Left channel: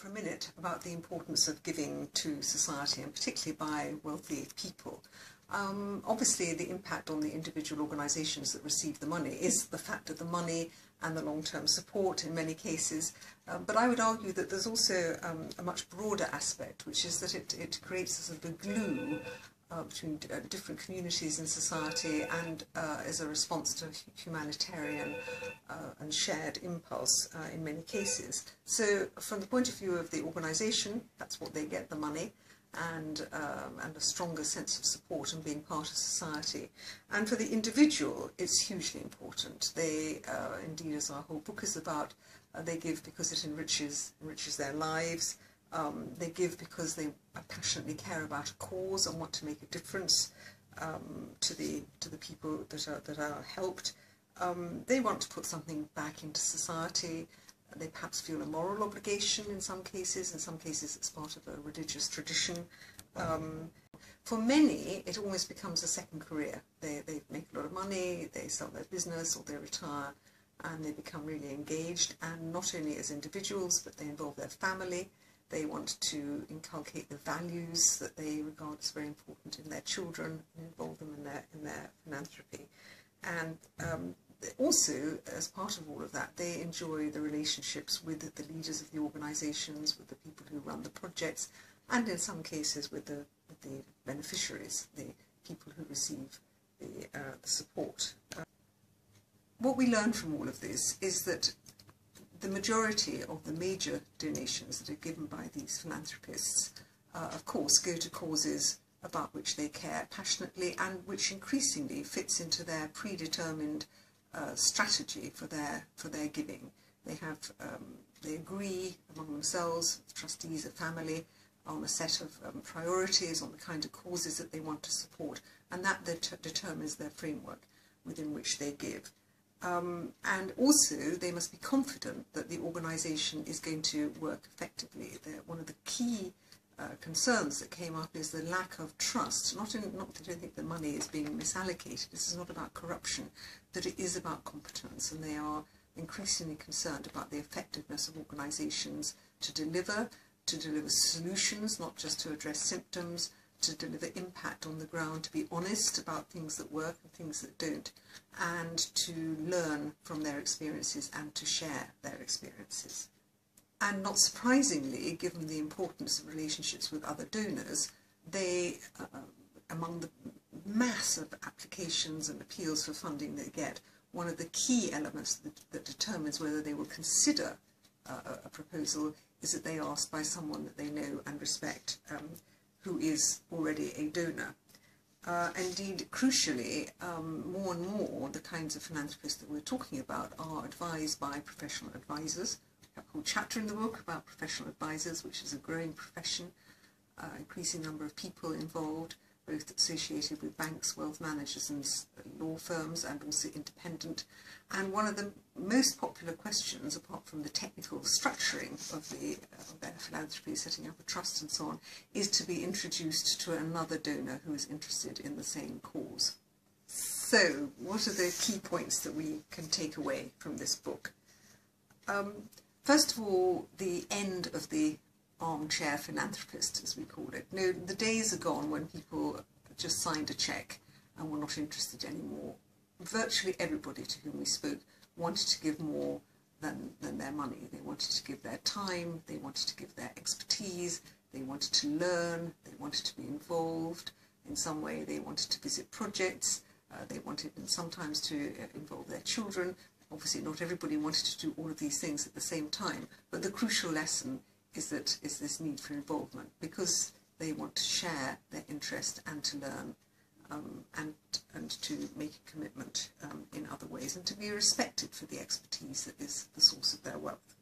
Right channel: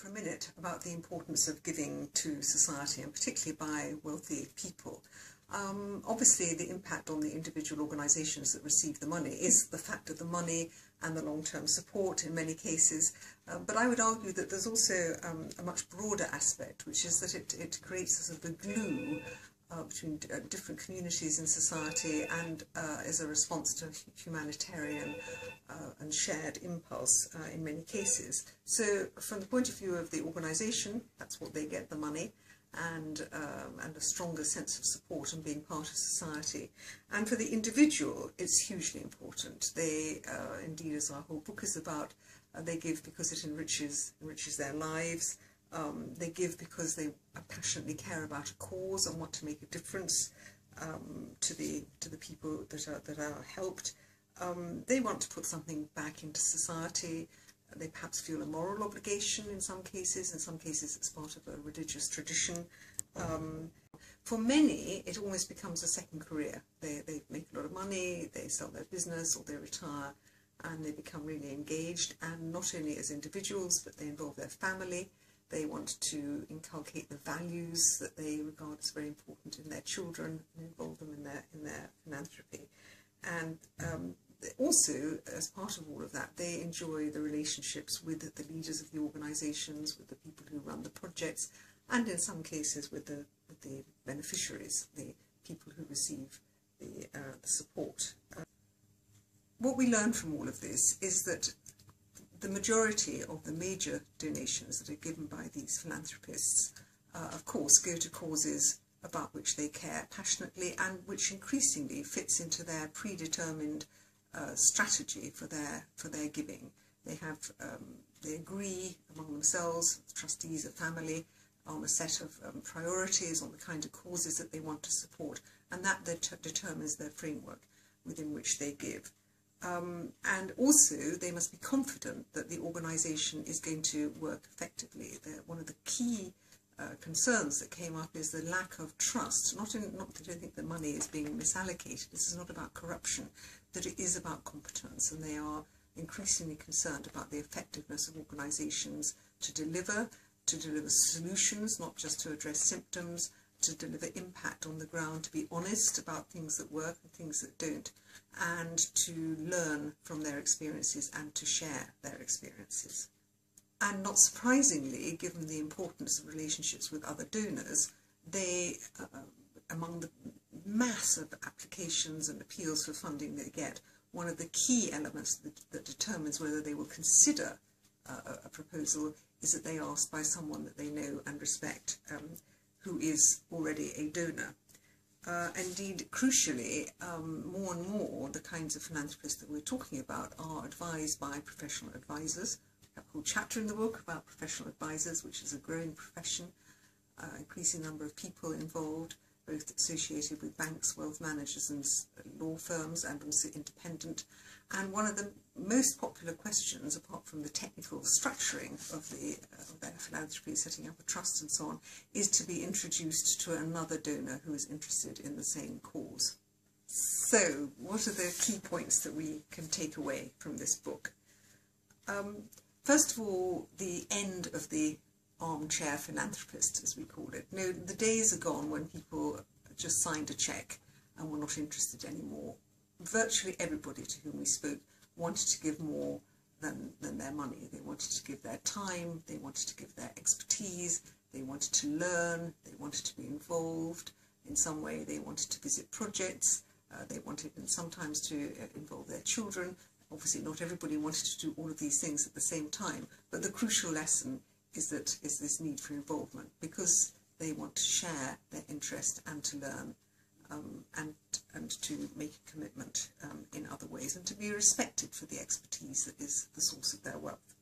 for a minute about the importance of giving to society, and particularly by wealthy people. Obviously, the impact on the individual organisations that receive the money is the fact of the money and the long-term support in many cases. But I would argue that there's also a much broader aspect, which is that it creates a sort of a glue between different communities in society, and is a response to humanitarian and shared impulse in many cases. So from the point of view of the organisation, that's what they get, the money, and a stronger sense of support and being part of society. And for the individual, it's hugely important. They, indeed, as our whole book is about, they give because it enriches their lives. They give because they passionately care about a cause and want to make a difference to the people that are helped. They want to put something back into society. They perhaps feel a moral obligation in some cases it's part of a religious tradition. For many, it almost becomes a second career. They make a lot of money, they sell their business or they retire, and they become really engaged, and not only as individuals, but they involve their family. They want to inculcate the values that they regard as very important in their children and involve them in their philanthropy. And also, as part of all of that, they enjoy the relationships with the leaders of the organisations, with the people who run the projects, and in some cases with the beneficiaries, the people who receive the support. What we learn from all of this is that the majority of the major donations that are given by these philanthropists, of course, go to causes about which they care passionately and which increasingly fits into their predetermined strategy for their giving. They agree among themselves, the trustees, the family, on a set of priorities, on the kind of causes that they want to support, and that determines their framework within which they give. And also, they must be confident that the organisation is going to work effectively. One of the key concerns that came up is the lack of trust. Not that I don't think the money is being misallocated. This is not about corruption, but it is about competence, and they are increasingly concerned about the effectiveness of organisations to deliver solutions, not just to address symptoms, to deliver impact on the ground, to be honest about things that work and things that don't, and to learn from their experiences and to share their experiences. And not surprisingly, given the importance of relationships with other donors, they, among the mass of applications and appeals for funding they get, one of the key elements that determines whether they will consider a proposal is that they are asked by someone that they know and respect, who is already a donor. Indeed, crucially, more and more the kinds of philanthropists that we're talking about are advised by professional advisors. We have a whole chapter in the book about professional advisors, which is a growing profession, increasing number of people involved, both associated with banks, wealth managers and law firms, and also independent. And one of the most popular questions, apart from the technical structuring of their philanthropy, setting up a trust and so on, is to be introduced to another donor who is interested in the same cause. So, what are the key points that we can take away from this book? First of all, the end of the armchair philanthropist, as we call it. No, the days are gone when people just signed a cheque and were not interested anymore. Virtually everybody to whom we spoke wanted to give more than their money. They wanted to give their time, they wanted to give their expertise, they wanted to learn, they wanted to be involved in some way, they wanted to visit projects, they wanted sometimes to involve their children. Obviously not everybody wanted to do all of these things at the same time, but the crucial lesson is this need for involvement, because they want to share their interest and to learn, and to make a commitment in other ways, and to be respected for the expertise that is the source of their wealth.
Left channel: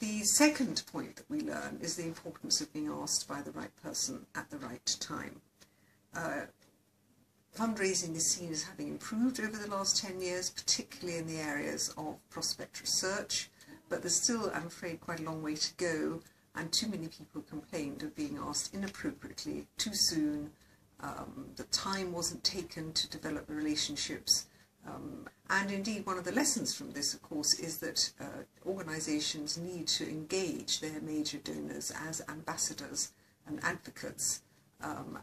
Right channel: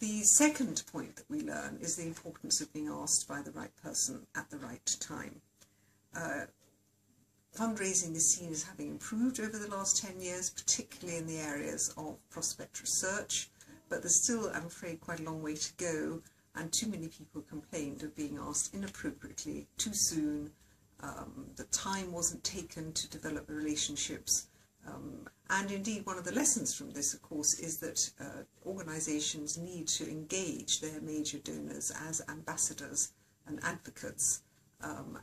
The second point that we learn is the importance of being asked by the right person at the right time. Fundraising is seen as having improved over the last 10 years, particularly in the areas of prospect research, but there's still, I'm afraid, quite a long way to go, and too many people complained of being asked inappropriately, too soon, that time wasn't taken to develop the relationships, And indeed, one of the lessons from this, of course, is that organisations need to engage their major donors as ambassadors and advocates,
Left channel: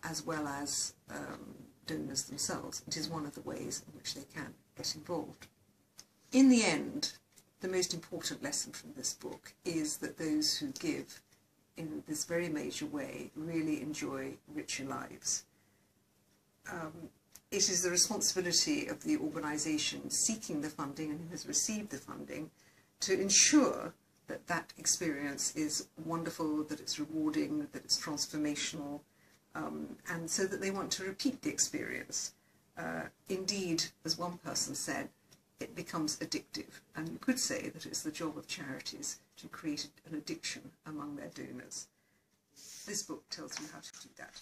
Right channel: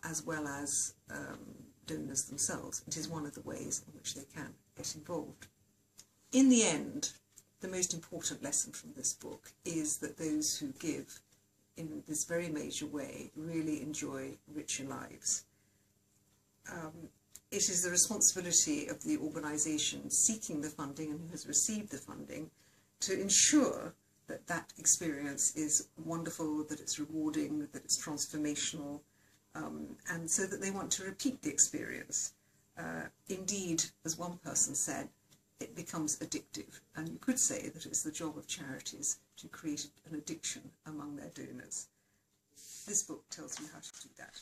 as well as donors themselves. It is one of the ways in which they can get involved. In the end, the most important lesson from this book is that those who give in this very major way really enjoy richer lives. It is the responsibility of the organisation seeking the funding and who has received the funding to ensure that that experience is wonderful, that it's rewarding, that it's transformational, and so that they want to repeat the experience. Indeed, as one person said, it becomes addictive, and you could say that it's the job of charities to create an addiction among their donors. This book tells you how to do that.